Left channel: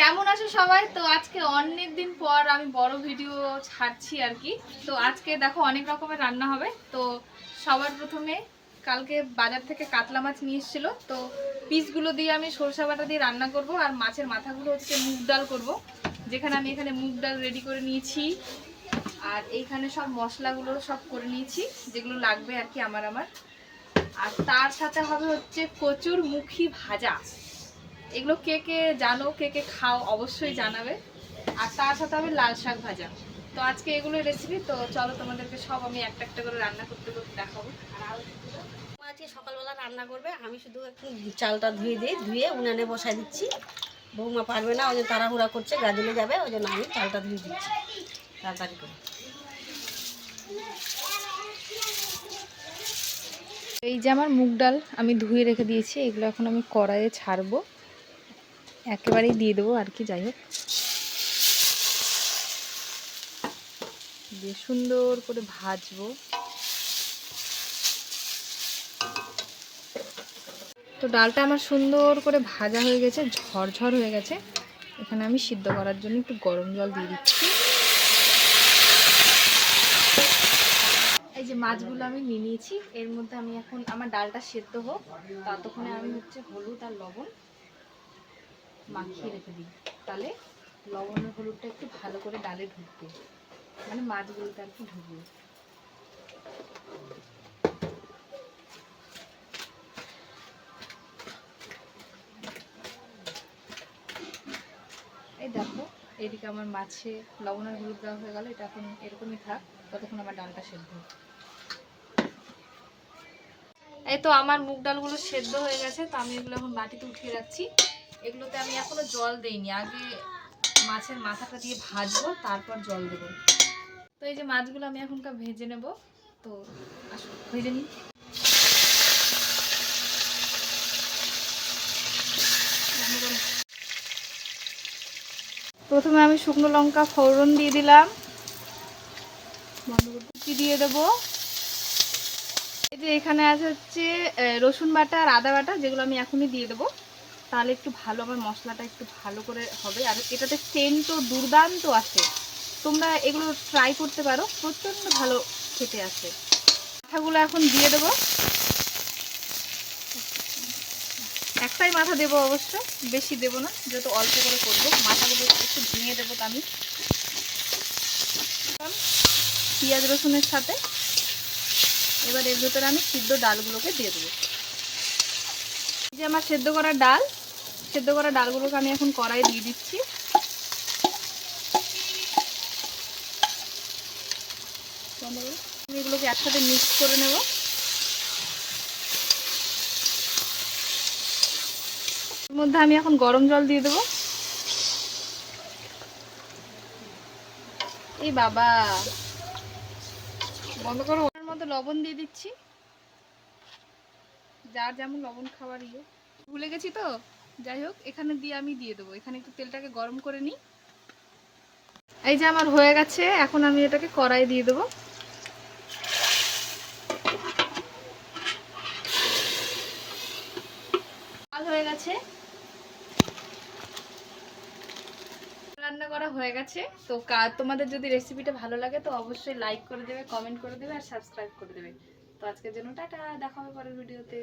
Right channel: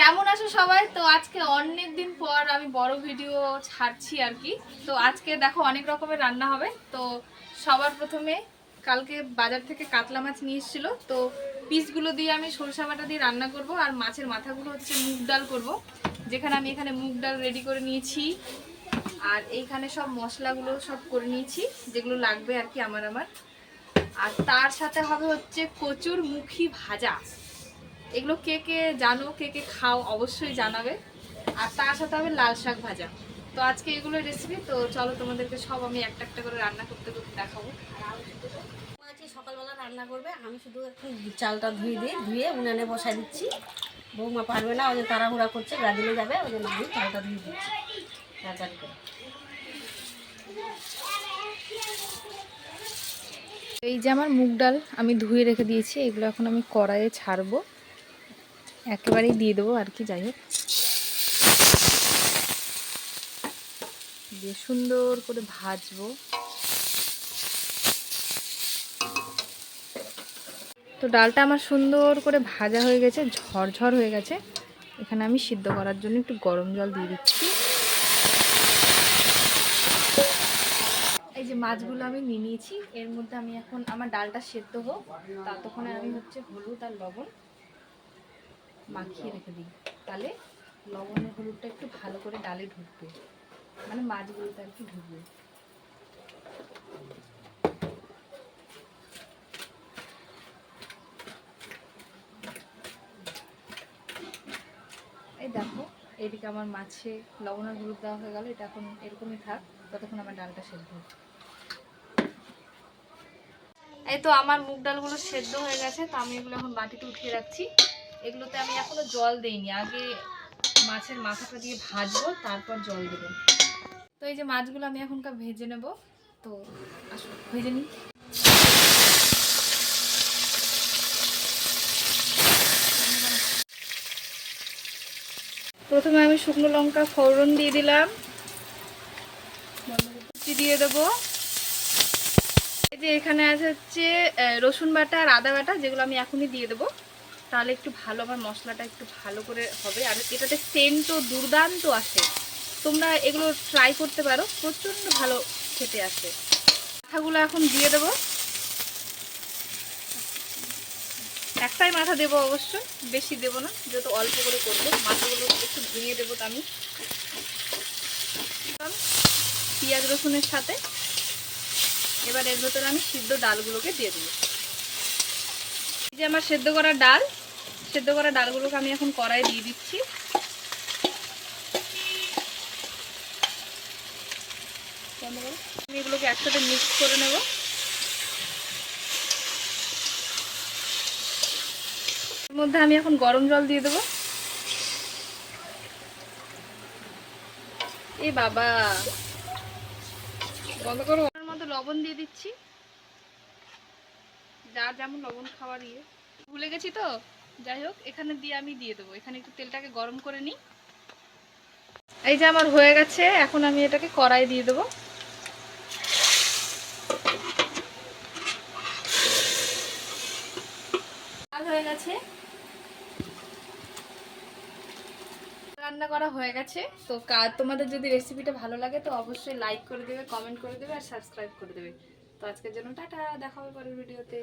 কেমন আছো সবাই? তো আজকে অনেক দিন পর আমি বড় ভিডিও ছাড়ছি আর কি। তো আজকে দেখো অনেক রকমের রান্না হবে। তো সবার প্রথমে কালকে বাজার থেকে কাতলা মাছ নিয়ে এসেছিলো, তো পিসগুলো দিয়ে আমি সরষা বাটা দিয়ে রান্না করব। আর মাছের মাথাগুলো হচ্ছে মুগ ডাল করব, যেখানে আমি এখানে মুগ ডাল রেডি করে নিয়েছি। আর এইখানে সব মশলাগুলো সব করে নিয়েছি, যেগুলো লাগবে আর কি আমার। আর তার সাথে হবে হচ্ছে কচুর মুখী ভাজা। এগুলো কে কে জানো, কে কে খাও অবশ্যই জানাবে। আর তার সাথে হবে লাল শাক ভাজা। তো আজকে এগুলো রেসিপি। তো চলো তোমাদেরকে সব আমি একটা একটা করে রান্না করতে করতে দেখাবো। আজকে সকালবেলা রান্না করবে, আমি শুধু একটু চালটা ধুয়ে উনানে বসাই দিচ্ছি। বৌমা পারবে না, ওদের তাড়াহুড়া করছে, গাজলে যাবে, ওই জন্য আমি চালটা ধুয়ে দিচ্ছি তাড়াতাড়ি করে। এই যে আমার মুগ ডাল আমি ধুয়ে রেখে দিয়েছি, এগুলো এখন আমি কড়াইয়ে ছাড়বো, একেবারেই দিয়ে দেবো আর কি। যাই হোক, দিয়ে সুন্দর করে ভাজবো। তো ডালটা আমার সুন্দর করে ভাজা হয়ে গেছে, ঝরঝর হয়ে গেছে। এখানে আমি সিদ্ধ করার জন্য একটু গরম জল দিয়ে দিচ্ছি। এই যে মাছগুলো আমি নিয়ে নিয়েছি, এর মধ্যে আমি এখন আমার ডালটা সেদ্ধ হোক, ততক্ষণে আমি হচ্ছে হলুদ আর লবণ মাখিয়ে রেখে দিই। তাহলে লবণের হলুদটা একটু ভালো করে ডালে ঢুকবে, মানে মাছগুলোতে আর কি ঢুকবে। এই দেখো, এদিকে আমার মাছে লবণ আর হলুদ দেওয়া হয়ে গেল। এটা এখন এরকমই থাক, ততক্ষণ আমার ডালটা সেদ্ধ হোক। এই তো আমার মুগ ডালগুলো সেদ্ধ হয়ে গেছে, তো আমি এগুলো এখন মাটিতে উঠিয়ে রাখছি। এগুলোতে আমি এখনো জল দেইনি, আগে মাছের মাথাটা দিয়ে ভাজবো, তারপর জল দেবো। তো এই যে মাছগুলো আমি এখনকার ভেজে নেব। তো আসো ভেজে নিই। প্রথমে আমি শুকনো লঙ্কা ফোড়ন দিয়ে দিলাম, দিয়ে দেবো। এই যে এখানে আছে হচ্ছে রসুন বাটা আর আদা বাটা, যেগুলো আমি এখনই দিয়ে দেবো। তাহলে একটু ভালো আমার মশলাটা একটু ভালো করে হবে, আর এটাতে সেন্টও দুর্দান্ত আসে। তোমরা এগুলো ট্রাই করতে পারো, প্রচণ্ড ভালো খেতে আসে। মাথাগুলো এখন দিয়ে দেবো, একটাই মাথা দেবো অবশ্য, বেশি দেবো না, যেহেতু অল্প করে করবো। মাথাগুলো একটু ভেঙে দেবো আমি পেঁয়াজ রসুনের সাথে। এবার এর ভেতরে আমি সিদ্ধ ডালগুলোকে দিয়ে দেবো। এই যে আমার সেদ্ধ করা ডালগুলোকে আমি এখন কড়াই দিয়ে দিচ্ছি। আমি এগুলোকে একসাথে মিক্স করে নেব। এর মধ্যে আমি এখন গরম জল দিয়ে দেবো। এই বাবা, বন্ধ করো। ওর মধ্যে লবণ দিয়ে দিচ্ছি, যার যেমন লবণ খাওয়ার ইয়ে। ভুলে গেছি তো, যাই হোক এখানে আমি দিয়ে দেবো। এখানে একটু তেলটাকে গরম করে নিই। এই যে আমার হয়ে গেছে, এখন আমি এটাকে কড়াই দিয়ে দেবো। হয়ে গেছে, রান্না করা হয়ে গেছে। তো তোমাদের যদি রেসিপিটা ভালো লাগে তো অবশ্যই লাইক করে দেবে, কমেন্ট করে দেবে আর সাবস্ক্রাইব করে দেবে। তো আজকের জন্য টাটা, দেখা হবে পরের ভিডিওতে।